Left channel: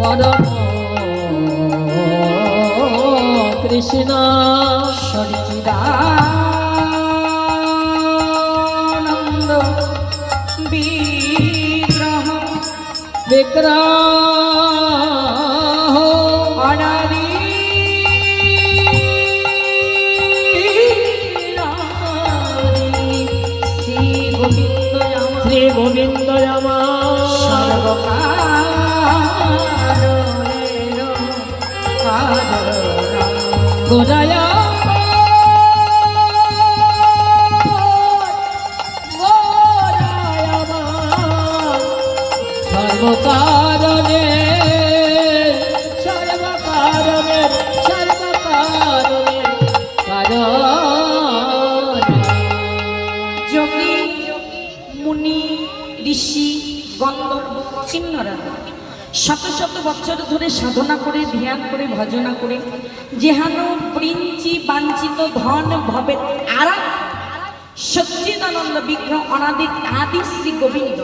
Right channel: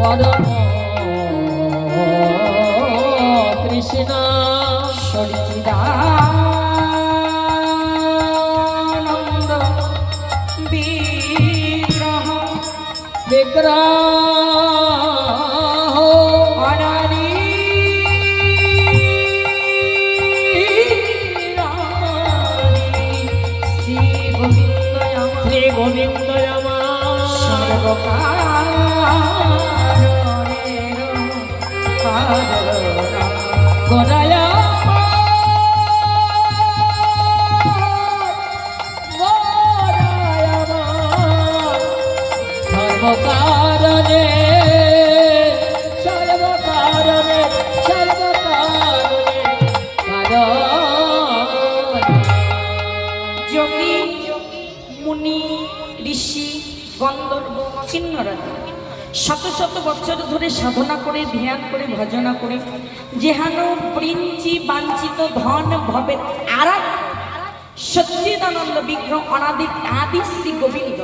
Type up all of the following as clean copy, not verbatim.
পরম কৃষ্ণ সচিদানন্দ বিগ্রহ বিগ্রহ অনাদি শ্রী গোবিন্দয়াম শ্রী গোবিন্দয়াম গোরায় সর্বকারণে সর্বকারণে সর্বকারণে যোগী মুনি ঋষি গন্ধর্ব কিন্নরা শত শত বছর ধরে সাধনা করে ধ্যান করে ভজনা করে যেহান প্রিঞ্চি বাঞ্ছিত ধন ভবে আরাম সচ্চিদানন্দ বিগ্রহ অনাদির আদি শ্রী গোবিন্দ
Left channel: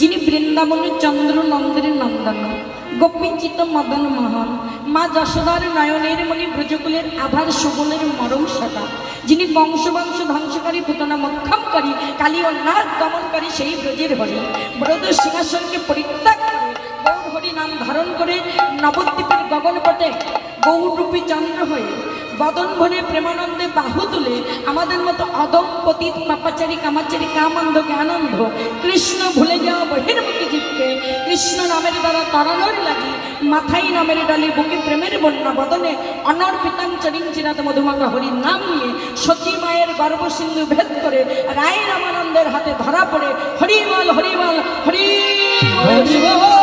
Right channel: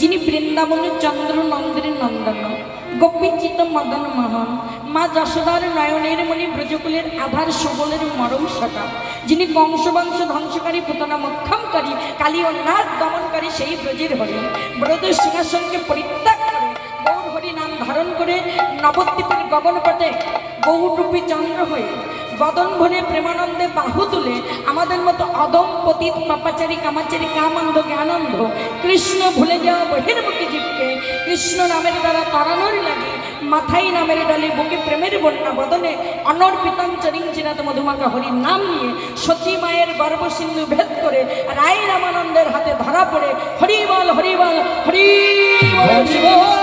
যিনি বৃন্দাবনের চন্দ্র নন্দের নন্দন গোপীচিত মদন মোহন মা যশোদার নয়নের মণি ব্রজকুলের আধার সুবলের মরম সকা যিনি বংশ ধ্বংসকারী পুতনা মক্ষমকারী কালী ও নাগ দমনকারী সেই ব্রজের হরি ব্রজ সিংহাসনকে পরিত্যাগ করে গৌর হরি নাম ধারণ করে নবদ্বীপের গগনপটে গৌরূপী চন্দ্র হয়ে বদন ভরে প্রেমানন্দে বাহু তুলে আমাদের মতো অদম পতিত পাপাচারী কামাচারী কামান্ধ জ্ঞানন্ধ কৃষ্ণ ভুলে যাওয়া বহির্মুখী জীবকে কৃষ্ণ নামের দ্বারা তরানোর লাগি মাথায় নামের ডালে বুকে প্রেমের বন্যা বদনে অনর্পিতাম চরিঞ্চিরাত মধুমাকা হরির নাম নিয়ে সতী মায়ের গর্ভসিন্ধু ভেদ করে রায় রামানন্দের হাতে ধরা পড়ে হরি বল হরি বল হরি বল।